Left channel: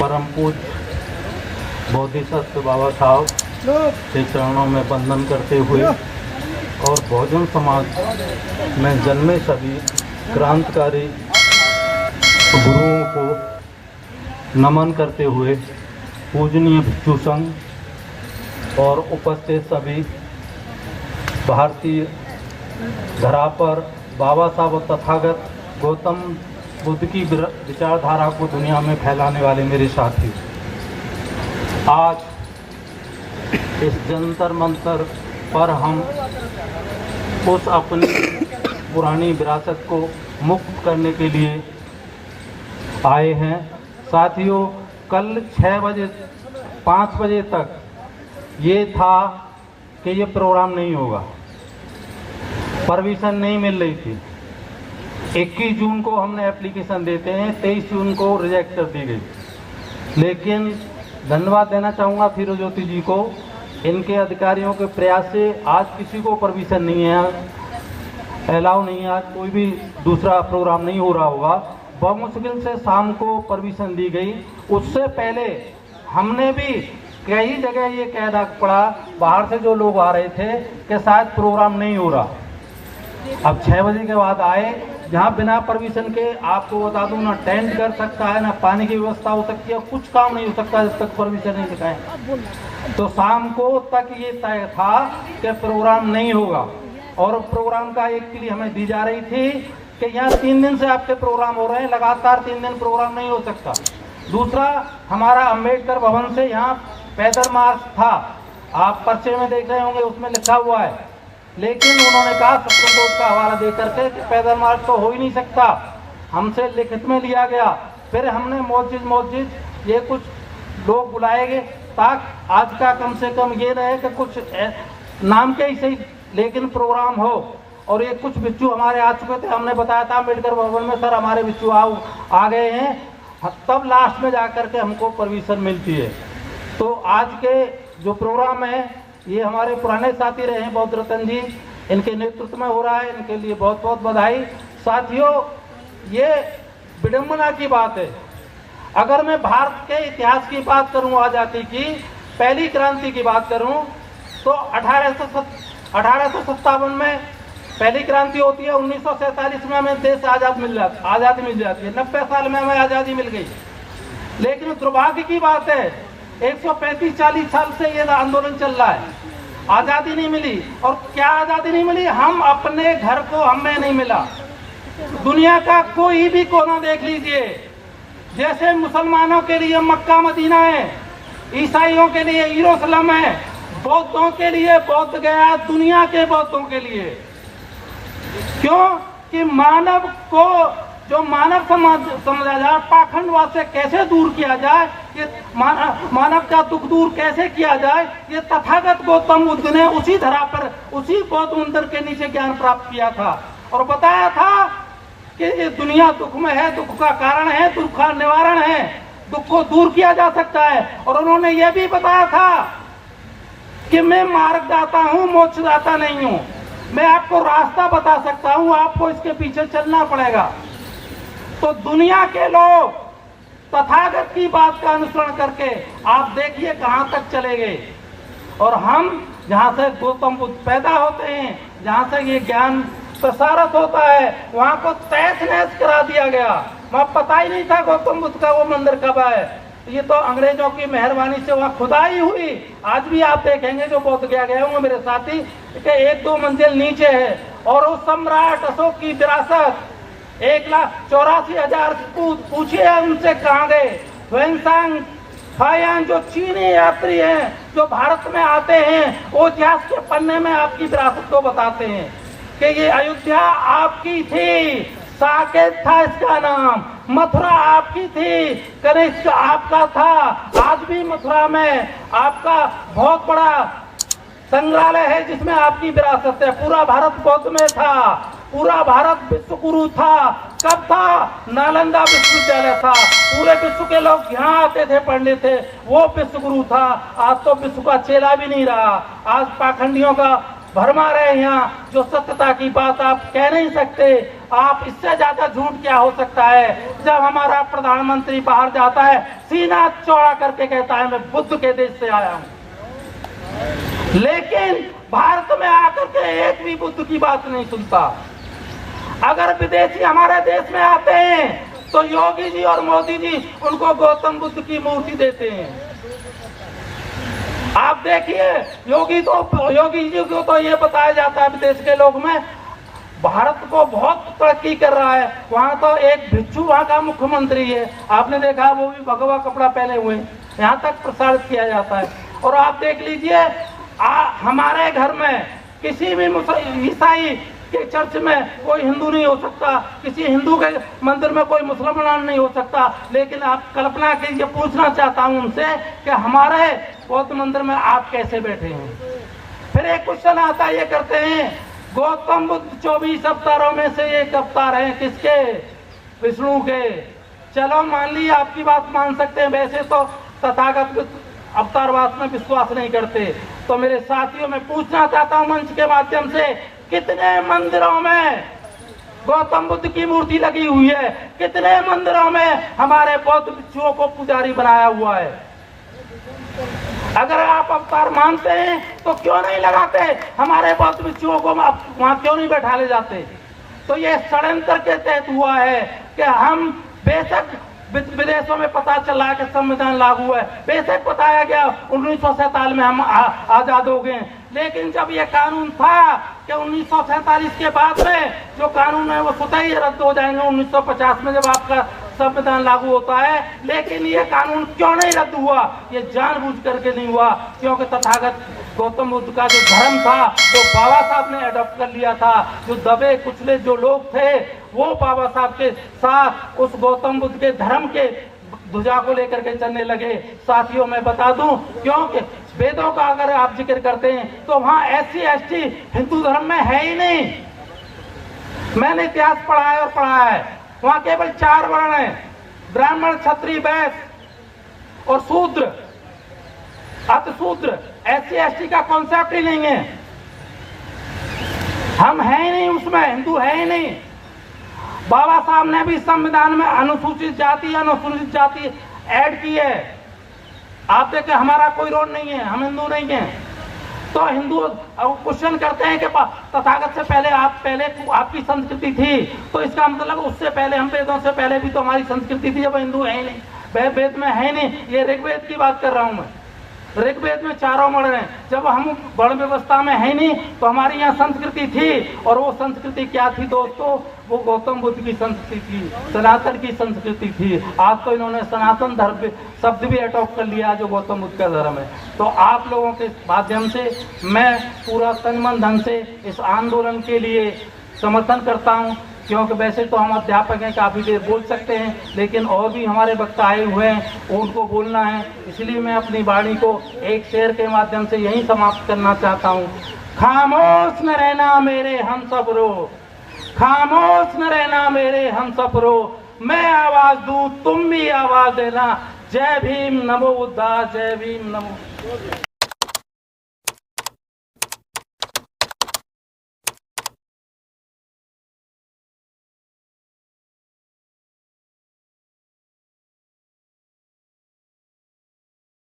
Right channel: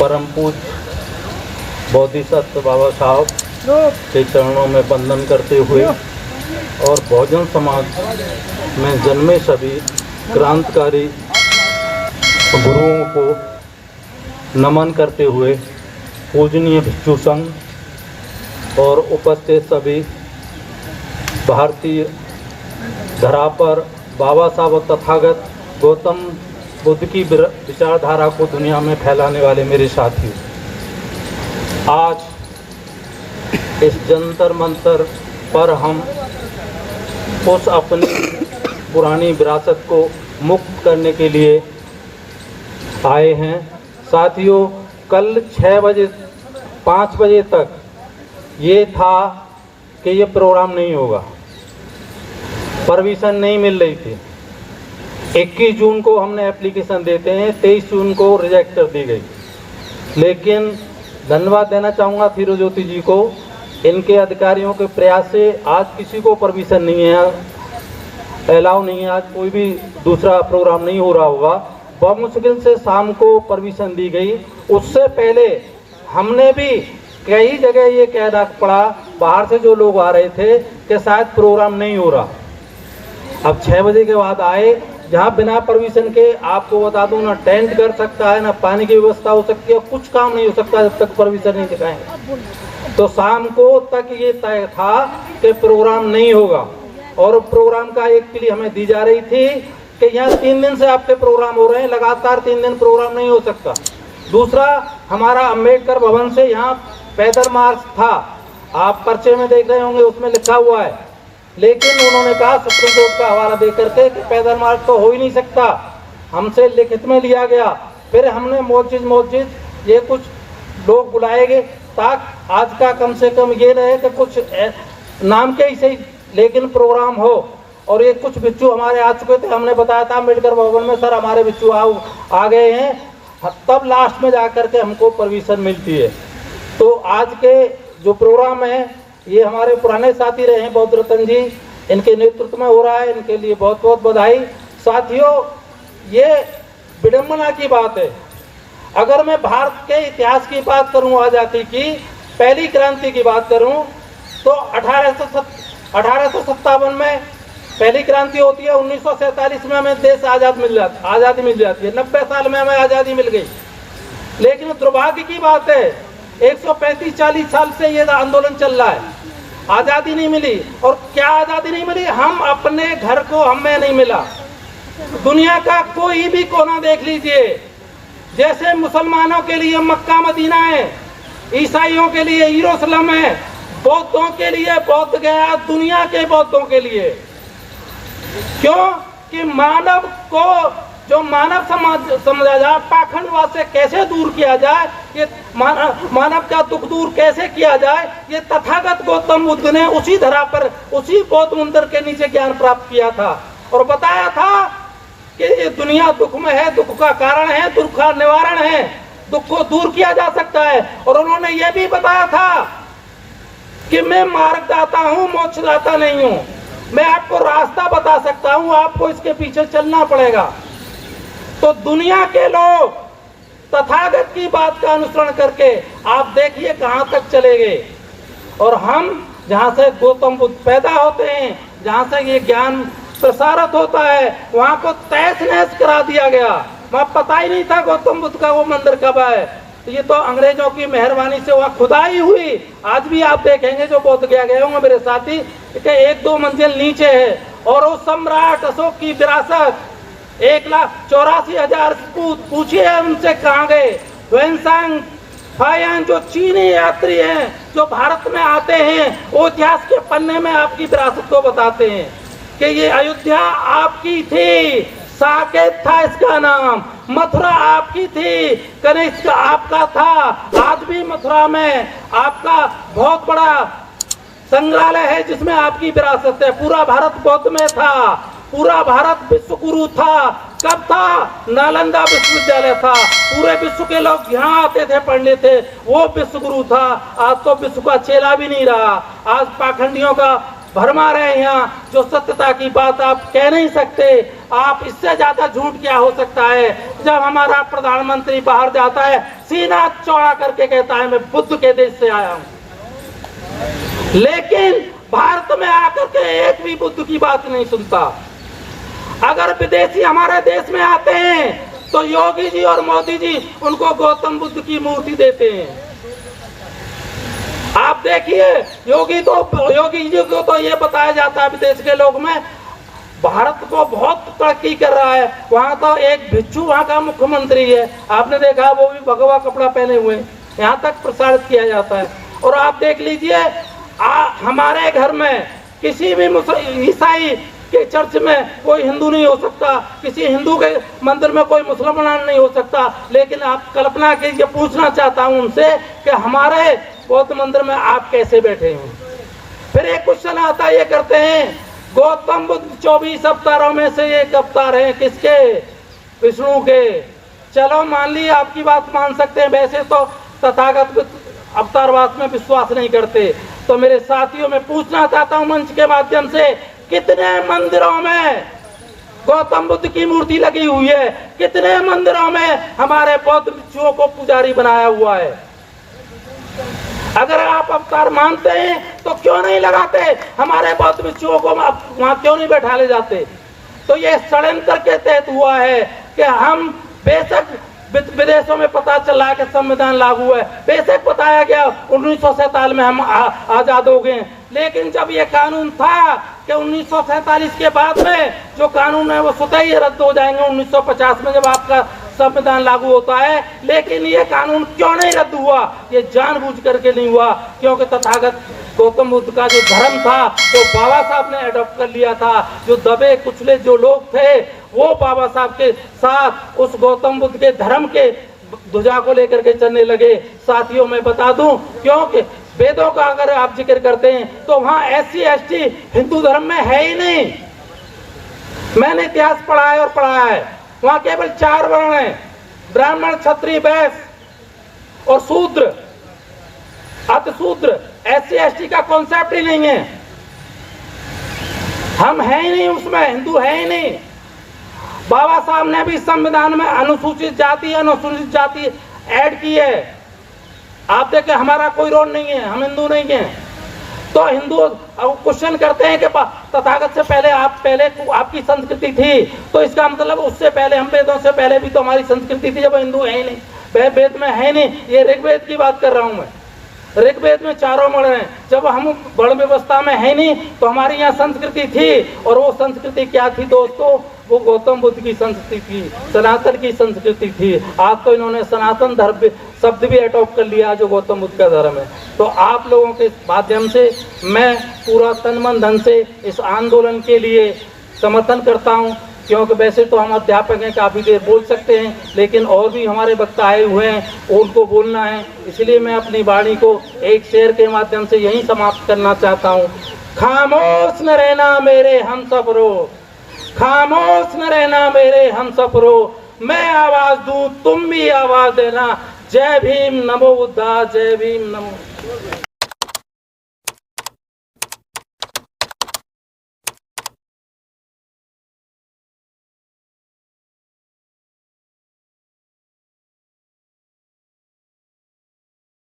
परम पूज्य बोधिसत्व बाबा साहब के चरणों में वंदन करते हुए और बहुजन समाज में जन्मे सभी क्रांतिकारी गुरुओं को नमन करते हुए पूजनीय भिक्षु संघ और उपस्थित सभी भारतीय धरा पर बाबा साहब तथागत गौतम बुद्ध की विचारधारा को दुनिया में फैलाने वाले मेरे साथी, आज इस जंतर मंतर पर हम उस अपनी पुरानी विरासत को मुक्त करने के लिए आए हैं। साथियों, कल 6 बजे 5 बजे तक ये था कि ये प्रोग्राम नहीं होगा, परमिशन नहीं मिल रही थी। 21 जून को हमने एप्लीकेशन देते हैं, 23 जून को रिजेक्ट कर दी गई। लेकिन धन्यवाद देना चाहूँगा फिरोज्योति जी को, इनके अधिकारियों के प्रयास से आज किसी को परमिशन नहीं है, अलाउ नहीं है, आज कोई भी दूसरा प्रोग्राम नहीं हो रहा होगा। बहुत मुश्किल से शाम को परमिशन दी गई। उससे पहले हमने भी कई जगह ये कहना पड़ा बाहर से जो लोग आ रहे थे कि शायद प्रोग्राम नहीं हो रहा। अब 6 बजे के बाद आए, जहाँ बिना परमिशन के आपको बता दूं ना टेंट कर सकता है, ना पानी की व्यवस्था हो सकती है, कुछ काम नहीं हो सकता जब तक परमिशन नहीं दिखाएं। तो शाम को तक ये तय था कि प्रोग्राम नहीं होगा, और प्रोग्राम का एक क्लिप हमें दी जा रही थी कि यहाँ 3 दिन से आपके प्रोग्राम हो रहे हैं, लगातार 3 दिन प्रोग्राम नहीं हो सकता। दूसरा, हमारा अम्बेडकर भवन से यहाँ पैदल मार्च था, आप पर्चे में देख रहे होंगे, उसमें लिखा हुआ है। लेकिन उन्होंने कहा सुप्रीम कोर्ट का हवाला दे करके कि पैदल मार्च तो हो ही नहीं सकता, हमसे लिखित में लिया गया। फिर हमने मस्जिद ये कुछ लोग बुलाए गए ताकि आज का कम से कम ये रहे कि कुछ नाम के ही सही लेकिन प्रोग्राम हो। और ये कुछ बिच्छू हमारे आ चुके थे, हमने बताया था अम्बेडकर भवन में, सर हमारे बिच्छू आ गए हैं, तब लास्ट में जाकर के हमको परमिशन मिलती है। तो आज के जो प्रोग्राम है ये हमारे पुराने साथी रहे हैं बौद्ध रतन जी, इनके नेतृत्व में हो रहा है, इनके लिए बहुत बहुत बधाई। साथियों, ये विडंबना की बात है। अगर मैं भारत के इतिहास की बात करूं, आजादी की पहली क्रांति की बात करूं, तो 1857 में पहली क्रांति होती है। 1947 में हमें देश आज़ादी मिल जाती है। 90 साल में हमें आज़ादी मिल गई। लेकिन दुर्भाग्य की बात है 135-40 साल से ये आंदोलन चल रहा है, आज़ादी नहीं मिली। और क्या आज़ादी नहीं मिली? हम अपने घर को हमें नहीं मिला। दुनिया का कोई भी कोना देख लीजिए, जैसे मुसलमानों के लिए मक्का मदीना है, ईसाइयों के लिए यरूशलेम है, बौद्धों के लिए बौद्ध गया, दुनिया के बौद्धों के लिए। क्यों? कि मानव को जो मानव समझा जाए, पाखंडवाद से कैसे दूर किया जाए, ये मानव का दुख दूर कैसे किया जाए, ये तथागत गौतम बुद्ध ने उसी धरा पर, उसी बौद्ध मंदिर के नीचे ज्ञान प्राप्त किया था और बताया था कि ये दुनिया दुख में है, दुख का कारण है, दुख का निवारण है, दुख को दूर किया जा सकता है। और उन्होंने ये भी बताया था कि मैं मार्गदाता हूँ, मोक्षदाता नहीं हूँ, मैं आपको रास्ता बता सकता हूँ, आपको इसके पीछे चलना पड़ेगा। तो दुनिया के लोग तथागत की बात का अनुसरण करके आप देखिए कहां तक चले गए। और हम जहां से गौतम बुद्ध पैदा होते हैं, जहां से ये ज्ञान प्रसारित होता है, वहां को तहस नहस करा दिया गया। वहां पता ही नहीं था गौतम बुद्ध का वो मंदिर कब है। ये तो अंग्रेजों की मेहरबानी से वहां खुदाई हुई। आज भी आप देखेंगे जो बोध गया गए होंगे मेरे साथी कि 1-2 मंजिल नीचे है। और वो सम्राट अशोक की विरासत 1,84,000 पूछिए उनसे कहाँ गए। वेनसांग फायान जो चीनी यात्री हैं जो भारत में आते हैं, वो इतिहास के पन्ने में आपकी विरासत को बताते हैं कि ये अयोध्या आपकी थी, साकेत था इसका नाम, मथुरा आपकी थी, कनिष्क आपका था। आज भी मथुरा में आपका बहुत बड़ा संग्रहालय है जिसमें आपकी विरासत है। पूरा भारत बौद्ध में था, पूरा भारत विश्व गुरु था। कब था? नालंदा विश्वविद्यालय था, पूरे विश्व के लोग यहाँ आते थे, पढ़ने थे, वो विश्व गुरु था। आज तो विश्व का चेला भी नहीं रहा। आज पाखंडियों का भरमा रहे हैं यहाँ, जो सत्यता की बात आप कह नहीं सकते। आप इससे ज्यादा झूठ क्या हो सकता है? जब हमारा प्रधानमंत्री बाहर जाता है, सीना चौड़ा करके कहता है मैं बुद्ध के देश से आया हूं, लेकिन भारत में आकर के एक भी बुद्ध की बात नहीं सुनता। अगर विदेशी हमारे देश में आते हैं तो योगी जी और मोदी जी उनको गौतम बुद्ध की मूर्ति देते हैं। आप देखिए, योगी जी को तो ये बताया जाता है विदेश के लोग में भारत को बहुत तरक्की कर रहा है। वहाँ तो एक भिक्षु वहाँ का मुख्यमंत्री है, आपने देखा, वो भी भगवा कपड़ा पहने हुए, यहाँ तक प्रसारित किया जाता है। और आप देख लीजिए, हमारे घर में किसी भी ईसाई के चर्च में कोई हिंदू नहीं हो सकता, किसी हिंदू के मंदिर में कोई मुसलमान नहीं हो सकता। लेकिन आप कल्पना कीजिए, पूछना चाहता हूं उनसे कि हमारे बौद्ध मंदिर में आप कैसे बैठे हैं। फिर एक क्वेश्चन आता, ये करते हैं गौतम बुद्ध 24 अवतारों में से एक अवतार है किसके? विष्णु के। चलो मान ली, आपकी बात मान सकते हैं। वैसे तो तथागत अवतारवाद में विश्वास नहीं करते। तो मेरे साथियों, मैं पूछना चाहता हूं मंच के माध्यम से, कितने मंदिरों में गौतम बुद्ध की मूर्ति लगी हुई है? कितने मंदिरों में हमारे बौद्ध भिक्षुओं को पुजारी बनाया हुआ है? अगर आप अवतार मानते हैं तो क्यों नहीं लगाते? हमारे बौद्ध भिक्षुओं को वहां क्यों नहीं बैठा ले जाते? तो ये षड्यंत्र के तहत हुआ है कि हम, बेशक विदेशों में पता चला कि संविधान लागू है, बेशक बताया गया 1947 में हम आजाद हो गए, लेकिन जब ये कानून था कि 1947 के बाद में जो कानून है वो स्वतः ही रद्द हो जाएंगे 1950 में जब आपका संविधान लागू होता है। लेकिन ये कानून क्यों नहीं रद्द हुआ? ये जानबूझ करके नहीं हुआ, क्योंकि तथागत गौतम बुद्ध का जो धर्म था वो बाबा साहब ने अडॉप्ट कर लिया था। जो दबे कुचले जो लोग थे वो बाबा साहब के साथ उस गौतम बुद्ध के धर्म के ध्वजा को लेकर के चलने लगे। साथियों, मैं बता दूं, क्योंकि वेदों का अगर आप जिक्र करते हैं तो वहां SC ST हिंदू धर्म में है ही नहीं। मैंने इतिहास पढ़ा है और पढ़ाया है, वहां केवल 4 वर्ण हैं, ब्राह्मण, क्षत्रिय, वैश्य और शूद्र, अतिशूद्र। SC ST का कॉन्सेप्ट ही नहीं है, हम हैं ही नहीं उसमें, हिंदू है ही नहीं। बाबा साहब ने भी संविधान में अनुसूचित जाति, अनुसूचित जाति ऐड की है। आप देखें, हमारा कोई रोल नहीं है, हम हिंदू नहीं है। तो हिंदू क्वेश्चन करते हैं कि तथागत से पहले आपकी संस्कृति थी, तो इसका मतलब उससे पहले, हम वेदों से पहले भी तो हमारी संस्कृति थी, जब हिंदू है ही नहीं, वेद में है नहीं। ये ऋग्वेद की बात कर रहा हूं मैं, ऋग्वेद में 4 वर्ण हैं। जब हम वर्ण व्यवस्था में है नहीं तो हमारी यहाँ संस्कृति थी, और वो संस्कृति क्या थी दोस्तों? वो गौतम बुद्ध की संस्कृति थी, सनातन की संस्कृति थी। आज तो इन्होंने सनातन धर्म शब्द भी अडॉप्ट कर लिया जो गौतम बुद्ध का धर्म है। तो आप लोगों के माध्यम से मैं पूरा तन मन धन से इस आंदोलन के लिए समर्थन करता हूँ, क्योंकि वैसे तो हम अध्यापक हैं, काफी देर बोल सकते हैं, लेकिन और भी हमारे वक्ता आए हुए हैं, उनको बोलना है। इसलिए मैं अपनी वाणी को एक शेर के माध्यम से यही समाप्त करना चाहता हूँ। खामोश न रहना मेरे हम सफरो, खामोश न रहना मेरे हम सफरो, मैं आवाज दूं तुम भी आवाज देना। जय भीम, नमो बुद्धा, जय भीम, नमो।